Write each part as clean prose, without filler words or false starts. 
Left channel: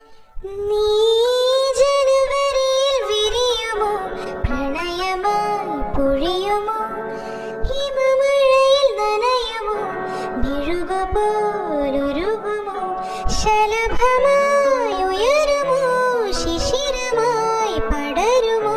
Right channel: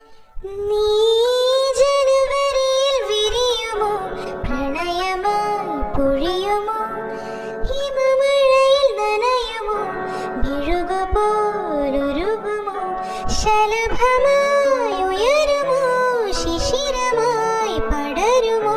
നീ ജനുവരിയിൽ വിരിയുമോ, പ്രണയമായി പൊഴിയുമോ, ഹിമമഴയിൽ നനയുമോ, മെഴുകുപോലുരുകുമോ, ശലഭമായി ഉയരുമോ, ശിശിരമായി പടരുമോ.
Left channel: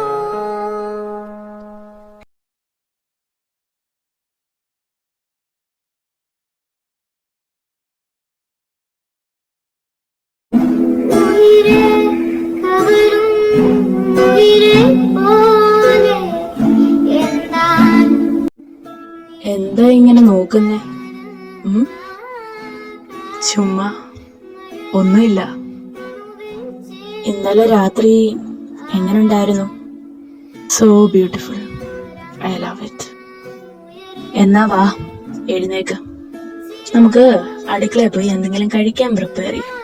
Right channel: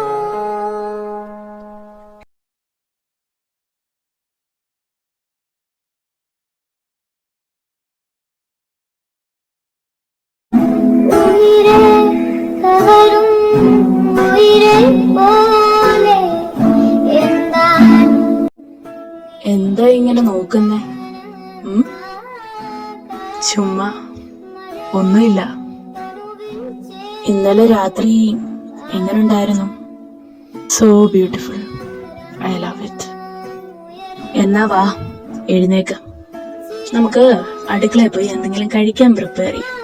എന്താ ഇങ്ങനെ നോക്കുന്നേ? ചുമ്മാ ഒന്നുമില്ല. ഇന്നലെ രാത്രി എങ്ങനുണ്ടായിരുന്നു? So beautiful, I love it. എന്നാ വാ, എഴുന്നേക്ക്, നമുക്ക് അടുക്കളയിൽ പോയി എന്തെങ്കിലും കഴിക്കാൻ പ്രിപ്പയർ ചെയ്യാം.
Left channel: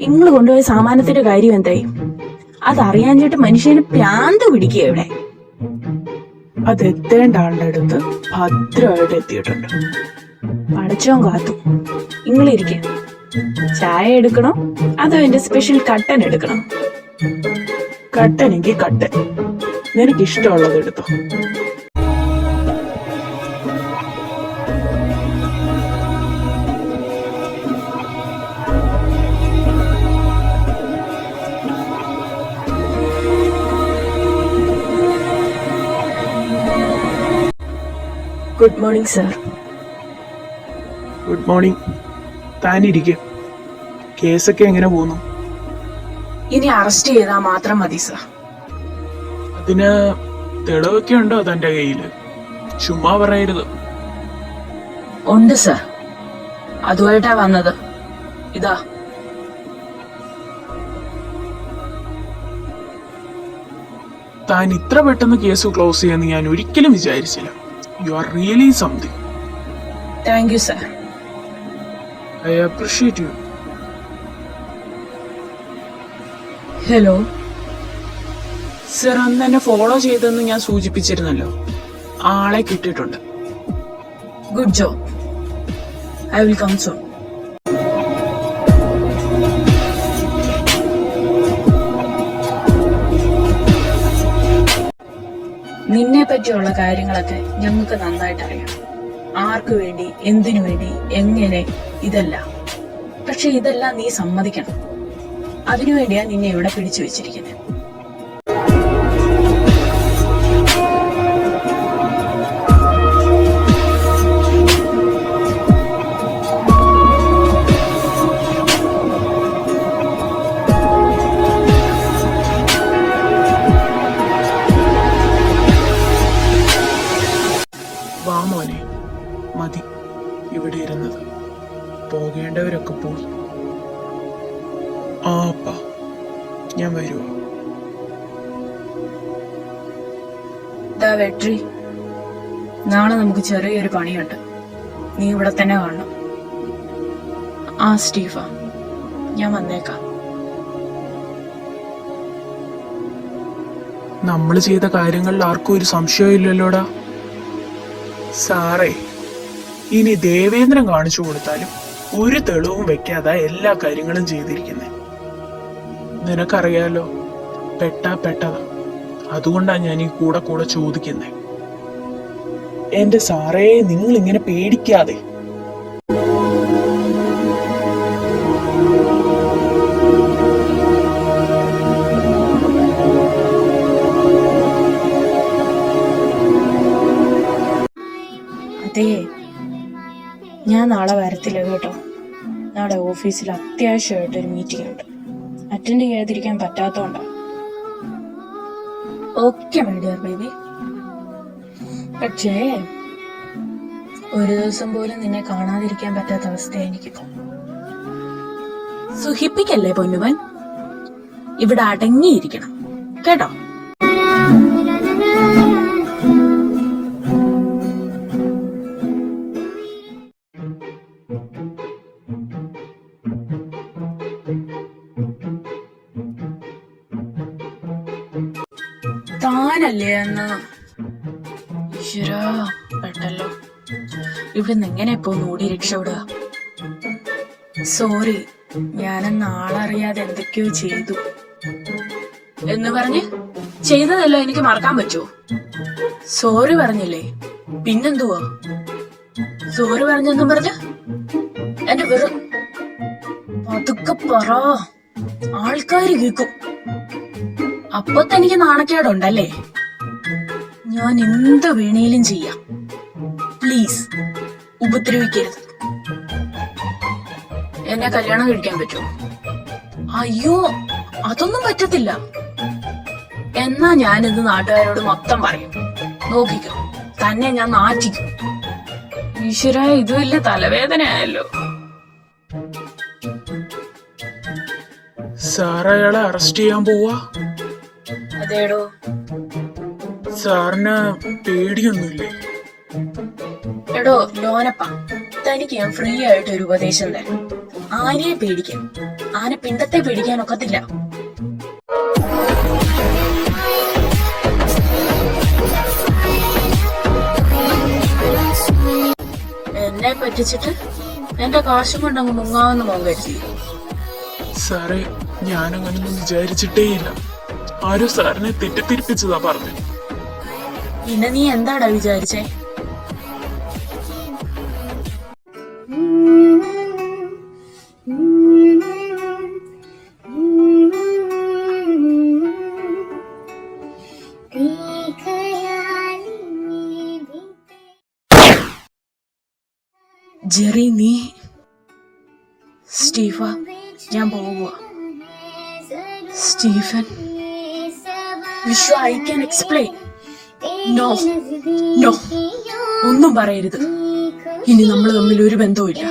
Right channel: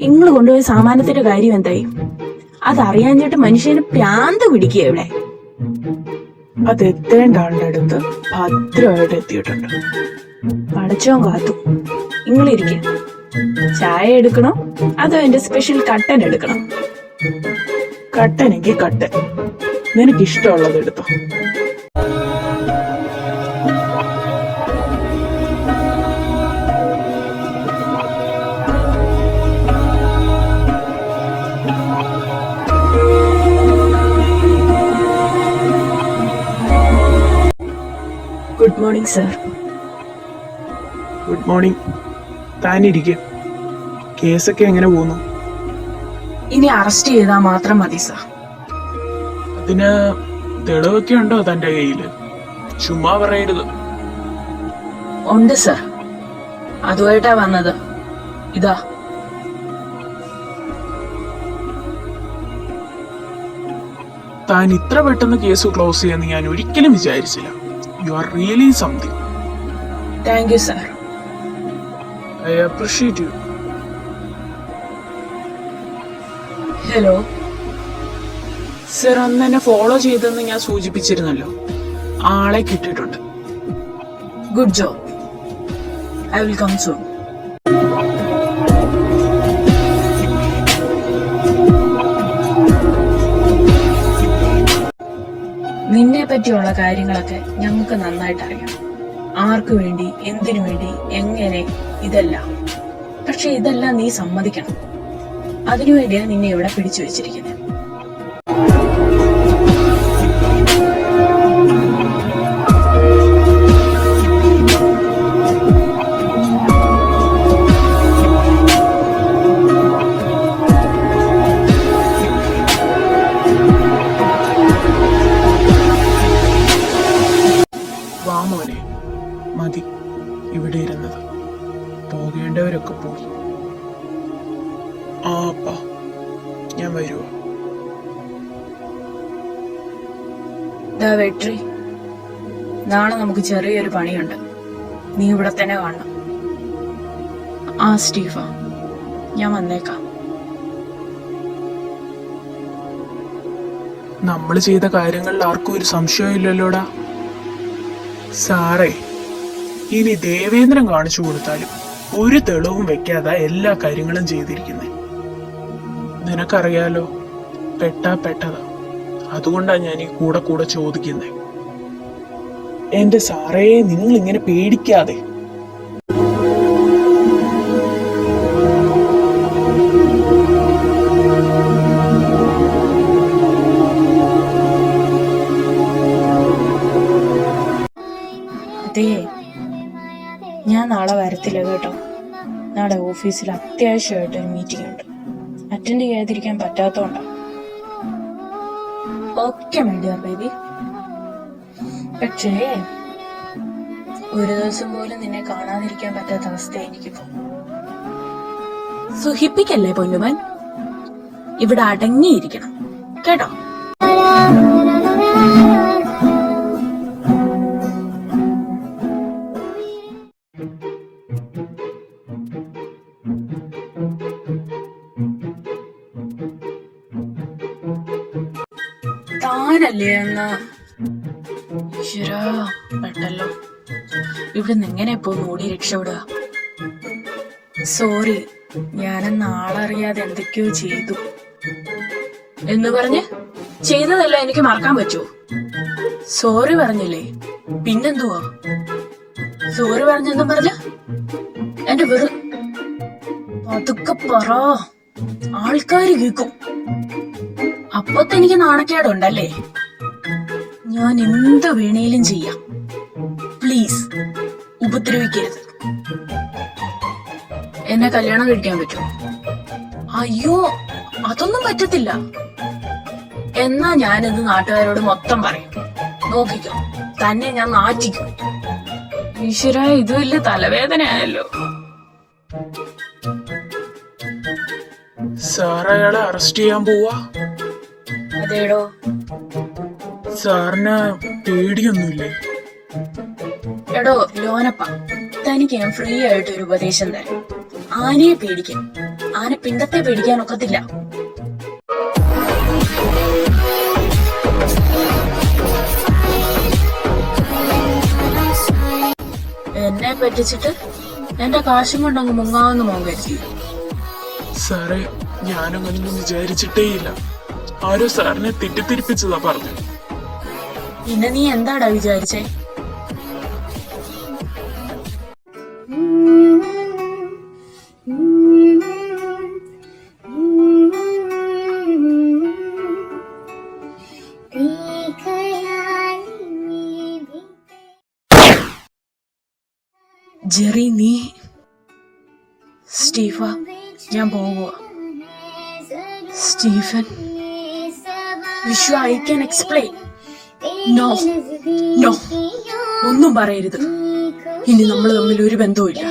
നിങ്ങൾ കൊണ്ടുപോയ സാമാനത്തിന്റെ കാര്യം എന്തായി? അതറിയാഞ്ഞിട്ട് മനുഷ്യന് പ്രാന്ത് പിടിക്കുക. ഇവിടെ അത് എത്തേണ്ട ആളുടെ അടുത്ത് ഭദ്രമായിട്ട് എത്തിയിട്ടുണ്ട്. പടച്ചോൻ കാത്തു. നിങ്ങളിരിക്ക. ചായ എടുക്കണോ അതോ എന്റെ സ്പെഷ്യൽ കട്ടൻ എടുക്കണോ? കട്ടനെങ്കിൽ കട്ടൻ, നിനക്ക് ഇഷ്ടമുള്ളത് എടുത്തോ. Good morning sir. Good morning. താനിരിക്കും. കേസൊക്കെ എങ്ങനെ പോകുന്നു? ഇനി അറസ്റ്റ് ചെയ്താൽ മാത്രം മതി സർ. അതിന് തെളിവൊക്കെ ഉണ്ടോ തന്റെ കയ്യില്? ചുമ്മാ പറയരുത്. ഉണ്ട് സർ, അതുമായിട്ടാ വന്നത്. ഇതാ. താൻ ഇത്ര പെട്ടെന്ന് കേസ് ക്ലോസ് ചെയ്യാന്ന് ഞാൻ ഒരിക്കലും വിചാരിച്ചില്ല. You are really something. Thank you, sir. I appreciate you. Hello. Sir, അന്ന് എന്നെ ഫോളോ ചെയ്തെന്ന് ഞാൻ സൂചിപ്പിച്ചിരുന്നല്ലോ. ആളെ കിട്ടിയിട്ടുണ്ട്. Good job. I will come soon. നിന്നെ പറ്റിയുള്ള കാര്യങ്ങളൊക്കെ ഞങ്ങൾക്ക് നന്നായിട്ട് അറിയാം. ആർക്കു വേണ്ടി, എന്തിനു വേണ്ടി, എങ്ങനെ, ഇതെല്ലാം. പക്ഷെ ഇതെല്ലാം നീ സമ്മതിക്കണം. അതിനുവേണ്ടിയാ നിന്നെ ഇവിടെ പിടിച്ചു വെച്ചിരിക്കുന്നത്. വാ മോനെ, മതി ഇവിടെ ഇരുന്നത്. പോകേണ്ടവരൊക്കെ പോയി. ആപ്പാ, ഞാൻ വരുവാ. വെട്രി, നാളെ നമുക്ക് ചെറിയൊരു പണിയുണ്ട്. നീ ഇവിടെ തന്നെ കാണണം. ആ സ്റ്റീഫ, ഞാൻ വന്നേക്കാം. നമ്മൾ ചെയ്ത കാര്യങ്ങളിൽ ആർക്കും ഒരു സംശയവും ഇല്ലല്ലോടാ. സാറേ, ഇനി ദേവേന്ദ്രൻ കാണിച്ചു കൊടുത്താലും ഒരു തെളിവും വെക്കാതെ എല്ലാ കാര്യങ്ങളും ചെയ്തിരിക്കുന്നത്. നിനക്കറിയാലോ, പെട്ടതാ. അതുകൊണ്ടാ ഞാൻ ഈ കൂടെ ചോദിക്കുന്നത്. എന്റെ സാറേ, നിങ്ങൾ ഇങ്ങനെ പേടിക്കാതെ. അതേ, ഞാൻ നാളെ വരത്തില്ല കേട്ടോ. നാളെ ഓഫീസിൽ അത്യാവശ്യമായിട്ടൊരു മീറ്റിംഗ് ഉണ്ട്. അറ്റൻഡ് ചെയ്യാതിരിക്കാൻ പറ്റാത്തോണ്ടാ. Okay my dear baby. പക്ഷേ ഒരു ദിവസം പോലും നിന്നെ കാണാതിരിക്കാൻ പറ്റാത്ത അവസ്ഥയായി എനിക്കിപ്പോ. സുഖിപ്പിക്കല്ലേ പൊന്നുവൻ, ഇവിടെ അടങ്ങിയിരിക്കണം കേട്ടോ. താനല്ലേ എന്നാ ഈശ്വരാ പെട്ടല്ലോ. ഇവിടുന്ന് എങ്ങനെ ഇപ്പൊ ഓടി രക്ഷപ്പെടുക? സോറി, ഞാനെന്ന് ആളറിയാതെ എന്തൊക്കെയോ ചെയ്തു എന്ന് പറഞ്ഞ് ചെയ്തതല്ല എനിക്ക് മറക്കാൻ പറ്റുമോ? സോറി പറഞ്ഞില്ലേ, പിന്നെന്തുവാ? സോറി പറഞ്ഞെന്നും പറഞ്ഞ് എന്റെ വെറു പതുക്കെ പറ, ആൾക്കാര് കേൾക്കും. അപ്പൊ തനിക്ക് നാണക്കേടുണ്ടല്ലേ? ഞാൻ എന്ത് വേണേലും ചെയ്യാം, പ്ലീസ് ഉപദ്രവിക്കരുത്. എന്നെ കല്യാണം കഴിക്കാൻ പറ്റുമോ? അയ്യോ, അതൊന്നും പറ്റത്തില്ല. എന്നാ ഞാനിത് നാട്ടുകാരോട് മൊത്തം പറയും. നോക്കിക്കോ, തന്നെ ഞാൻ നാറ്റിക്കും. ഈശ്വര, ഇത് വലിയ തലവേദനയായല്ലോ. സാർ അയാളെ അറസ്റ്റ് ചെയ്യാൻ പോവാ. അതേടോ. സാറിന് പേടിയൊന്നുമില്ലേ? എടോ ലോനപ്പ, തനിക്ക് ഞാൻ ഫ്രീ ആയിട്ട് ഒരു ഉപദേശം തരാം. ആനയെ പേടിക്കും, ആന പിണ്ടത്തെ പേടിക്കാൻ ഒക്കത്തില്ല. എന്നെ പറ്റിച്ചിട്ട് എന്റെ കാശും കൊണ്ടങ്ങ് മുങ്ങാവുന്ന മുമ്പേറ്റി. സാറേ, ഞാനങ്ങനൊന്നും വിചാരിച്ചിട്ടേയില്ല. ആരും സാറിനെ തെറ്റിദ്ധരിപ്പിച്ചതാ പറഞ്ഞു. പിന്നെ നീ എന്താടാ വിചാരിച്ചേ? ജെറി, നീ സ്റ്റീഫ, ഞാൻ പോവുക. Stephen, Vishwa, I can explain. No no, ഒന്നും പറയരുത്. ഇനി നമ്മൾ തമ്മിൽ ഒരു ബന്ധവും ഇല്ല.